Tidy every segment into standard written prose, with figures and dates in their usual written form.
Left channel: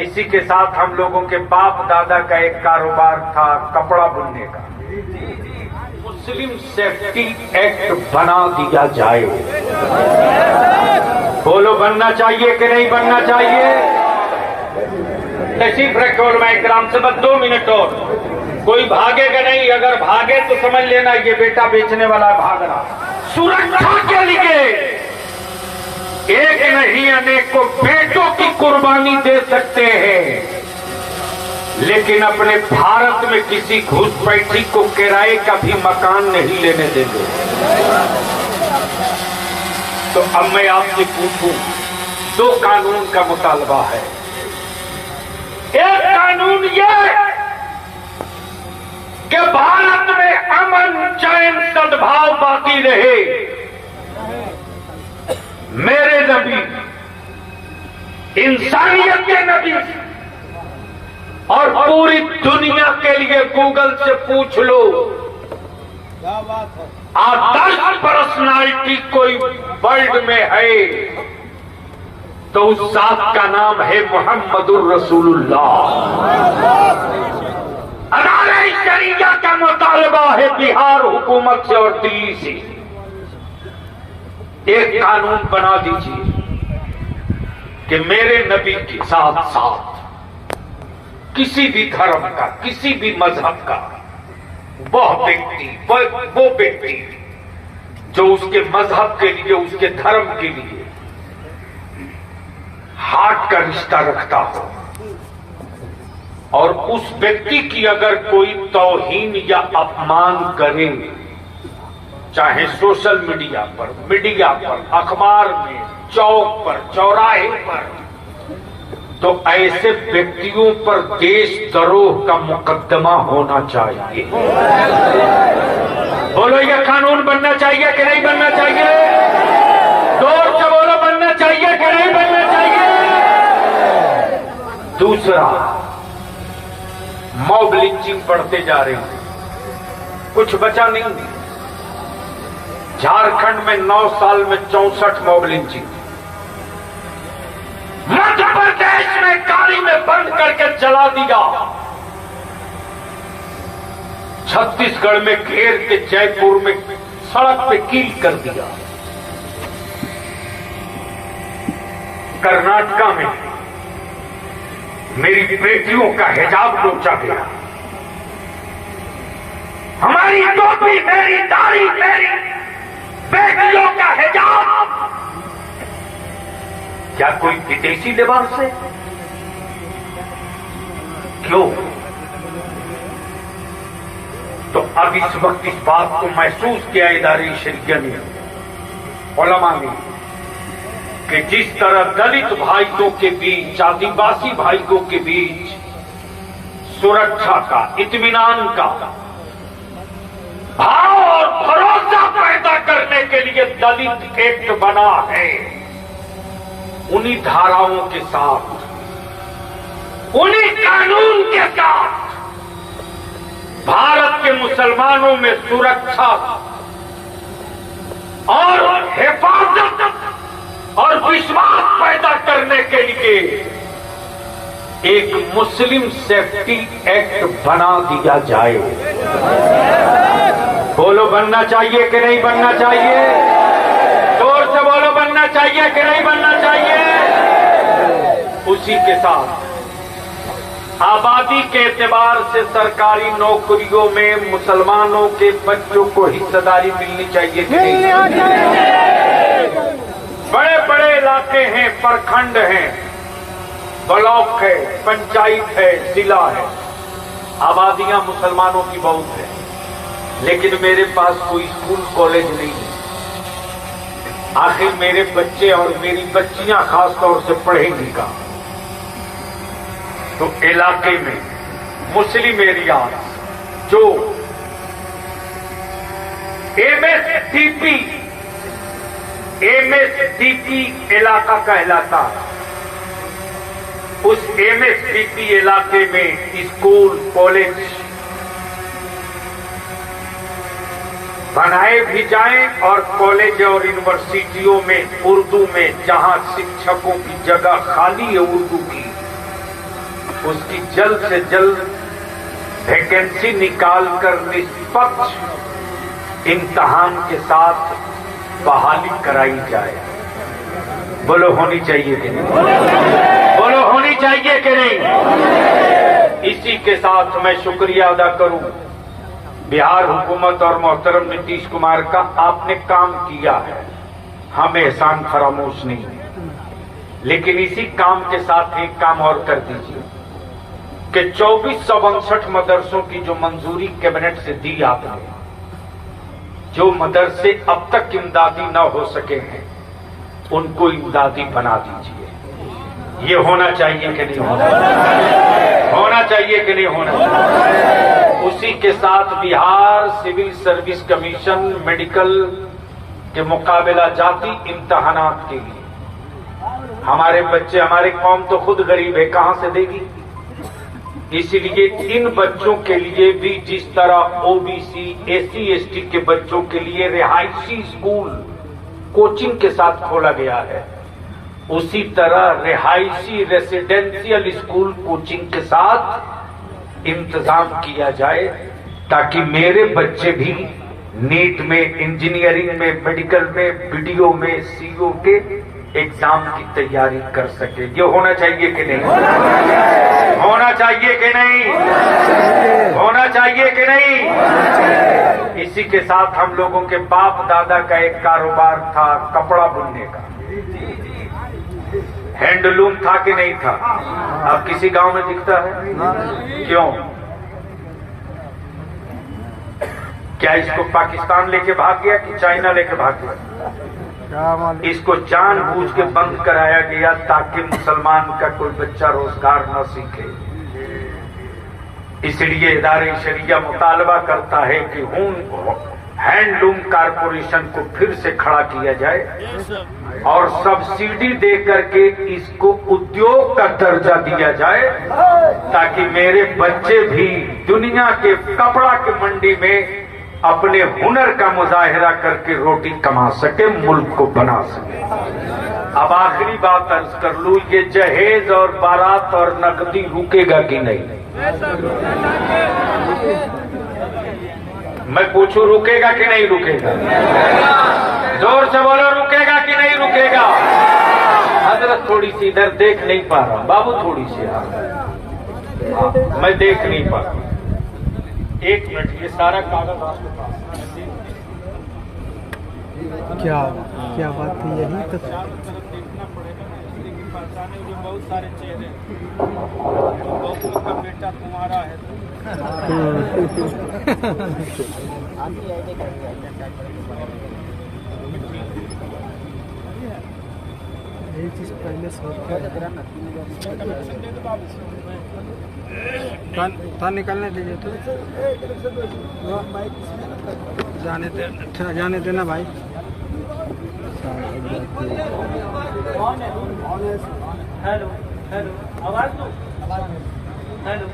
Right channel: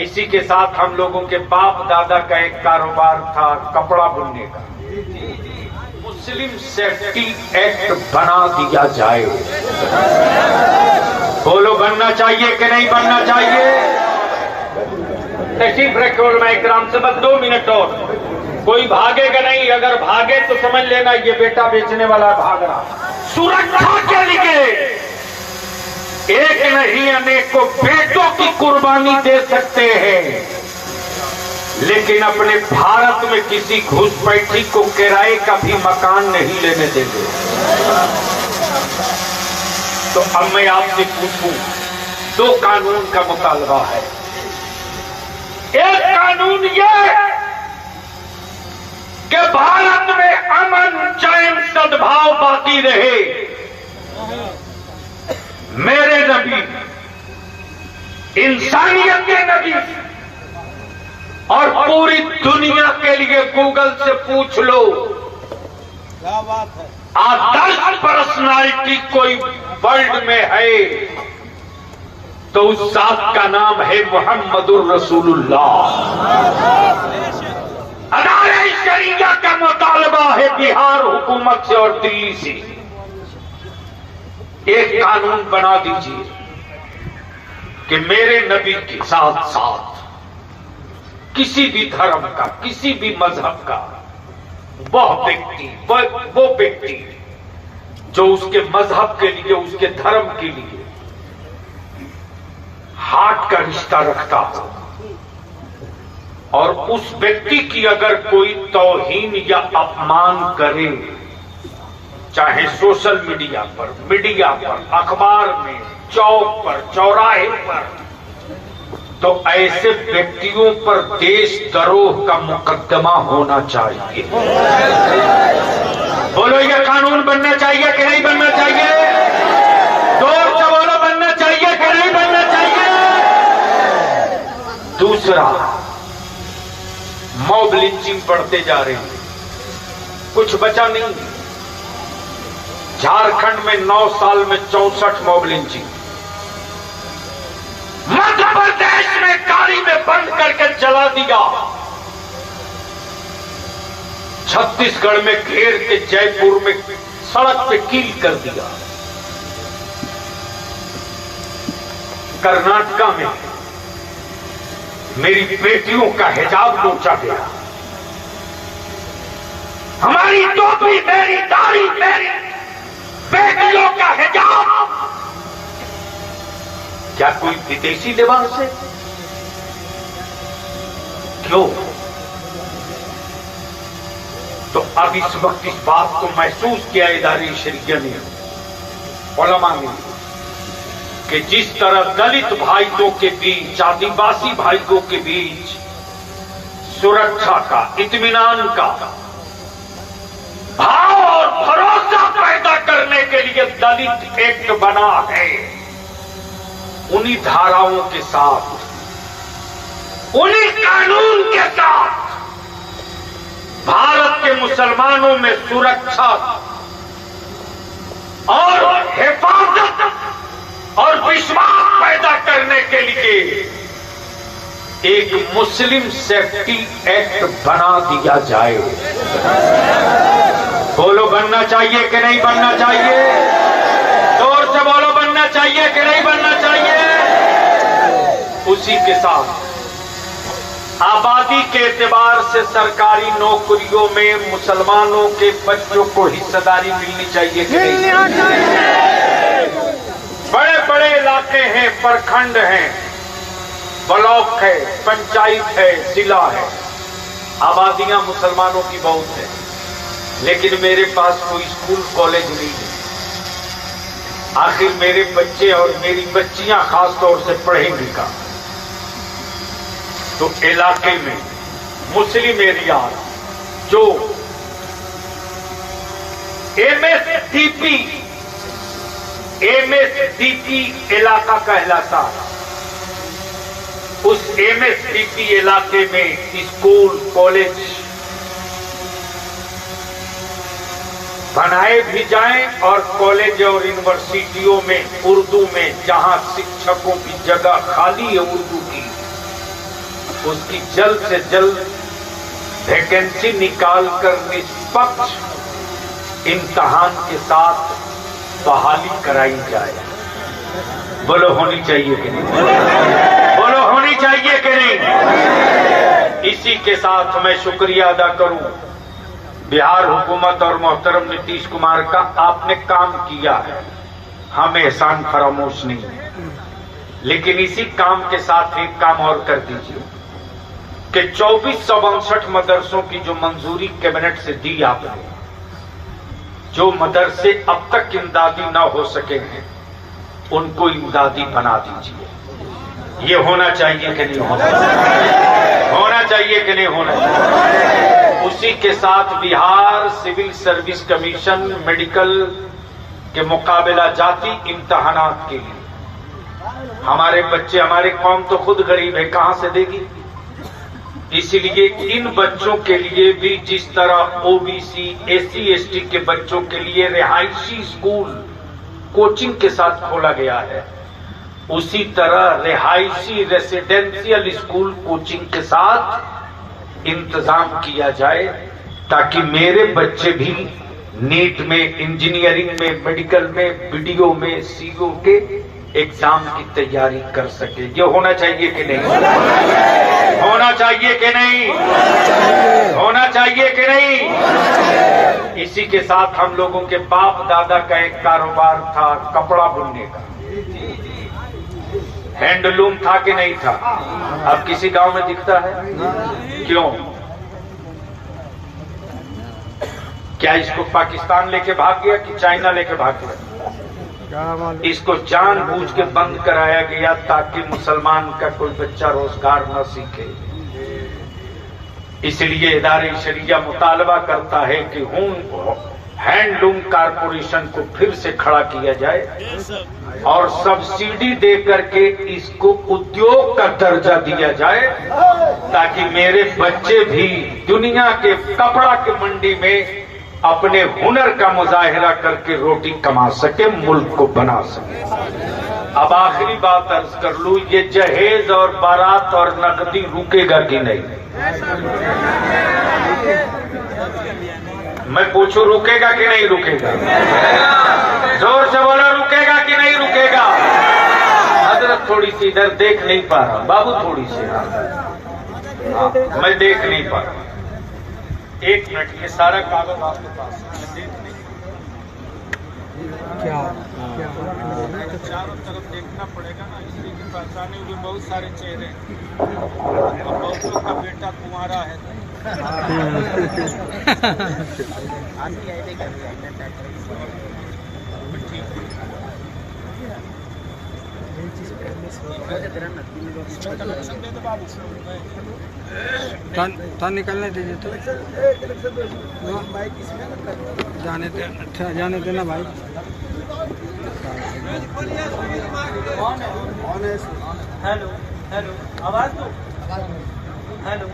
इसी के साथ हम लोगों के बाप दादा का एक कारोबार था कपड़ा बुनने का। मुस्लिम सेफ्टी एक्ट बना दिया जाए। बोलो बनना चाहिए कि नहीं बनना चाहिए? तशरीफ रखे उलमा इकराम से बस 2 मिनट और। कोई भागेगा नहीं, अगर भागे तो समझ लेना ये बेटा बेचने वाला भाग रहा। सुरक्षा के लिए एक नहीं अनेकों बेटों की कुर्बानी दे सकते हैं, लेकिन अपने भारत में किसी घुसपैठी को किराए का भी मकान नहीं लेने देंगे। तो अब मैं आपसे पूछूं, 2 कानून का मुतालबा है। एक कानून ये कि भारत में अमन चैन सद्भाव बाकी रहे। मेरे नबी, इंसानियत के नबी, और पूरी दुनिया के लिए गूगल से पूछ लो, क्या बात है, आदर्श पर्सनालिटी कोई वर्ल्ड में है तो उस साहब का नाम है मोहम्मदुर रसूलुल्लाह। अदालत शरिया का मुतालबा है बिहार हुकूमत से और दिल्ली से, एक कानून बना दीजिए कि मेरे नबी के साथ साथ किसी भी धर्म का, किसी भी मजहब का वो व्यक्ति जो उसके मजहब के लिए, उसके धर्म के लिए हार्ट का रिश्ता रखता हो, और उस व्यक्ति की अगर कोई तौहीन या अपमान करे, चाहे सोशल मीडिया पर, अखबार में, चौक पर, चौराहे पर, तो ऐसे व्यक्तियों पर देशद्रोह का मुकदमा होना चाहिए। बोलो ये कानून बनना चाहिए कि नहीं बनना चाहिए? जोर से बोलो, बनना चाहिए कि नहीं बनना चाहिए? दूसरा, मॉब लिंचिंग बढ़ते जा रहे हैं, कुछ बचा नहीं। झारखंड में 9 साल में 64 मॉब लिंचिंग, मध्य प्रदेश में गाड़ी में बंद करके जला दिया, छत्तीसगढ़ में घेर के जयपुर में सड़क पे कील कर दिया, कर्नाटका में मेरी बेटियों का हिजाब नोचा गया, हमारी टोपी, मेरी दाढ़ी, मेरी बेटियों का हिजाब क्या कोई विदेशी लिबास है? क्यों? तो अब इस वक्त इस बात को महसूस किया इदारे शरिया ने, उलमा ने, कि जिस तरह दलित भाइयों के बीच, आदिवासी भाइयों के बीच सुरक्षा का, इत्मीनान का भाव और भरोसा पैदा करने के लिए दलित एक्ट बना है, उन्हीं धाराओं के साथ, उन्हीं कानून के साथ भारत के मुसलमानों में सुरक्षा और हिफाजत और विश्वास पैदा करने के लिए एक मुस्लिम सेफ्टी एक्ट बना दिया जाए। बोलो बनना चाहिए कि नहीं बनना चाहिए? जोर से बोलो, बनना चाहिए कि नहीं बनना चाहिए? उसी के साथ आबादी के एतबार से सरकारी नौकरियों में मुसलमानों के बच्चों को हिस्सेदारी मिलनी चाहिए कि नहीं? बड़े बड़े इलाके हैं, प्रखंड हैं, ब्लॉक है, पंचायत है, जिला है, आबादियां मुसलमानों की बहुत है, लेकिन मेरे पास कोई स्कूल कॉलेज नहीं है। आखिर मेरे बच्चे और मेरी बच्चियां खास तौर से पढ़ेंगी का? तो इलाके में मुस्लिम एरिया जो एमएसडीपी इलाका कहलाता है, उस एमएसडीपी इलाके में स्कूल कॉलेज बनाए भी जाएं, और कॉलेज और यूनिवर्सिटियों में उर्दू में, जहां शिक्षकों की जगह खाली है उर्दू की, उसकी जल्द से जल्द वैकेंसी निकालकर निष्पक्ष इम्तिहान के साथ बहाली कराई जाए। बोलो होनी चाहिए कि नहीं? बोलो होनी चाहिए कि नहीं? इसी के साथ मैं शुक्रिया अदा करूं बिहार हुकूमत और मोहतरम नीतीश कुमार का। आपने काम किया है, हम एहसान फरामोश नहीं है, लेकिन इसी काम के साथ एक काम और कर दीजिए कि 2459 मदरसों की जो मंजूरी कैबिनेट से दी आपने, जो मदरसे अब तक इमदादी न हो सके हैं उनको इमदादी बना दीजिए। ये होना चाहिए कि नहीं होना चाहिए? होना चाहिए कि नहीं होना चाहिए? उसी के साथ Bihar civil service commission medical के मुकाबला जाती इम्तहानात के लिए हमारे बच्चे, हमारी कौम तो खुद गरीब है, कहां से देगी? इसलिए इन बच्चों के लिए भी जिस तरह ओबीसी एससी एसटी के बच्चों के लिए रिहायशी स्कूल कोचिंग के साथ खोला गया है, उसी तरह रिहायशी रेसिडेंशियल स्कूल कोचिंग के साथ इंतजाम किया जाए ताकि मेरे बच्चे भी नीट में, इंजीनियरिंग में, मेडिकल में, बीडीओ में, सीओ के एग्जाम की तैयारी कर सके। ये होना चाहिए कि नहीं? होना चाहिए कि नहीं? होना चाहिए कि नहीं? इसी के साथ हम लोगों के बाप दादा का एक कारोबार था कपड़ा बुनने का, हैंडलूम था कि नहीं था? अब किसी गांव में दिखता है? क्यों? क्या इसको पाकिस्तान लेके भाग गया कि चाइना लेके भाग गया? इसको जानबूझ के बंद कराया गया ताकि मुसलमान का कोई बच्चा रोजगार न सीखे। इसलिए इदारे शरिया मुतालबा करता है कि हैंडलूम कारपोरेशन को फिर से खड़ा किया जाए और सब्सिडी दे करके इसको उद्योग का दर्जा दिया जाए ताकि मेरे बच्चे भी दुनिया के कपड़ा की मंडी में अपने हुनर का मुजाहिरा करके रोटी कमा सके, मुल्क को बना सके। अब आखिरी बात अर्ज कर लूं, ये जहेज और बारात और नकदी रुकेगा कि नहीं? मैं पूछूं रुकेगा कि नहीं रुकेगा? जोर से बोलो, रुकेगा कि नहीं रुकेगा? हजरत थोड़ी सी इधर देख नहीं पा रहा, बाबू थोड़ी सी हाँ, मैं देख नहीं पा रहा। एक मिनट, ये सारा कागज आपके पास है। क्या क्या बात है? चारों तरफ देखना पड़ेगा ना, इसलिए कि पहचाने हुए बहुत सारे चेहरे और बहुतों का बेटा कुंवारा है। तो निकलने दीजिए, तो जाने देना भाई। हेलो हेलो, आवाज दो। Hello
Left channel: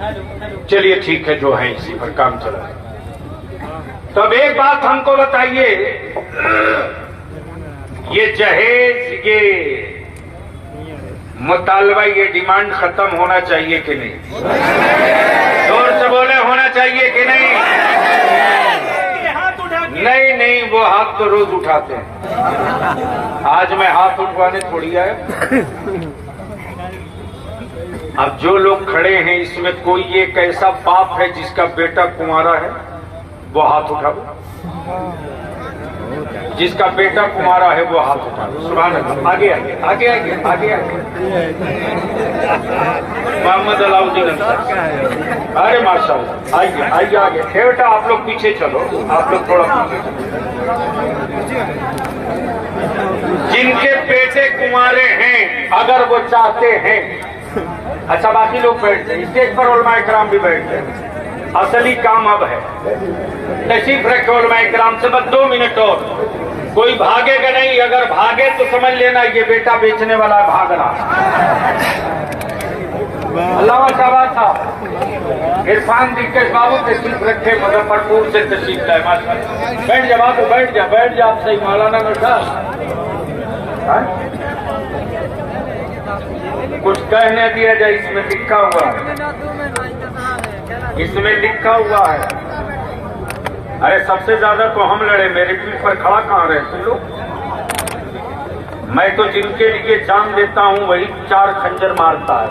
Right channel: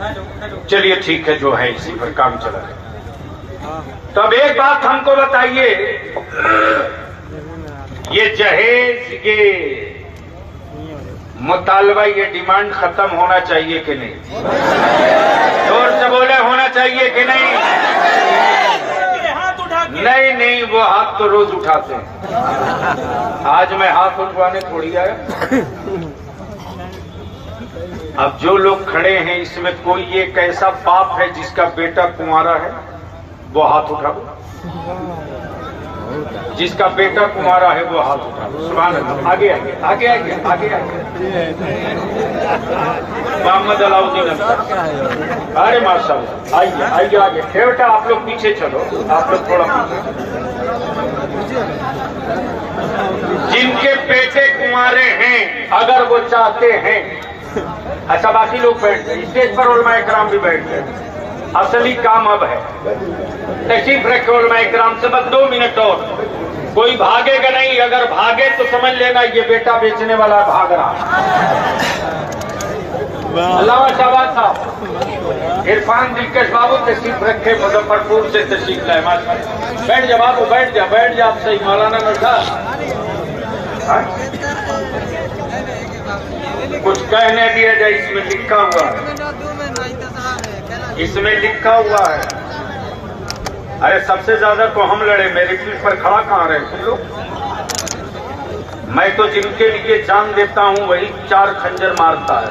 hello hello. चलिए ठीक है, जो है इसी पर काम चला है। तो अब एक बात हमको बताइए, ये जहेज के मुतालबा, ये डिमांड खत्म होना चाहिए कि नहीं? जोर से बोले, होना चाहिए कि नहीं? हाथ उठा के। नहीं नहीं, वो हाथ तो रोज उठाते हैं, आज मैं हाथ उठवाने थोड़ी आया। अब जो लोग खड़े हैं इसमें कोई एक ऐसा बाप है जिसका बेटा कुंवारा है, वो हाथ उठाओ। जिसका बेटा कुंवारा है वो हाथ उठाओ। सुभान अल्लाह। आगे आगे आगे आगे आगे आगे। मोहम्मद अलाउद्दीन, अरे माशाल्लाह, आइए आइए आगे। बेटा आप लोग पीछे चलो, आप लोग थोड़ा पीछे। जिनके बेटे कुंवारे हैं, अगर वो चाहते हैं, अच्छा बाकी लोग बैठ गए, स्टेज पर उलमा इकराम भी बैठ गए। असली काम अब है, तशरीफ रखे उलमा इकराम से, बस 2 मिनट और। कोई भागेगा नहीं, अगर भागे तो समझ लेना ये बेटा बेचने वाला भाग रहा। अल्लाह शाबाश साहब। इरफान दिलकश बाबू तशरीफ रखे, मुजफ्फरपुर से तशरीफ लाए। माशाल्लाह, बैठ जा बाबू, बैठ जा, बैठ जा। आप सही मौलाना बैठा। कहने दिया जाए, इसमें लिखा हुआ है, इसमें लिखा हुआ है। अरे सबसे ज्यादा को हम लड़े, मेरे पीठ पर खड़ा कहाँ रहे तुम लोग? मैं तो जिनके लिए जान देता हूँ वही 4 खंजर मारता है।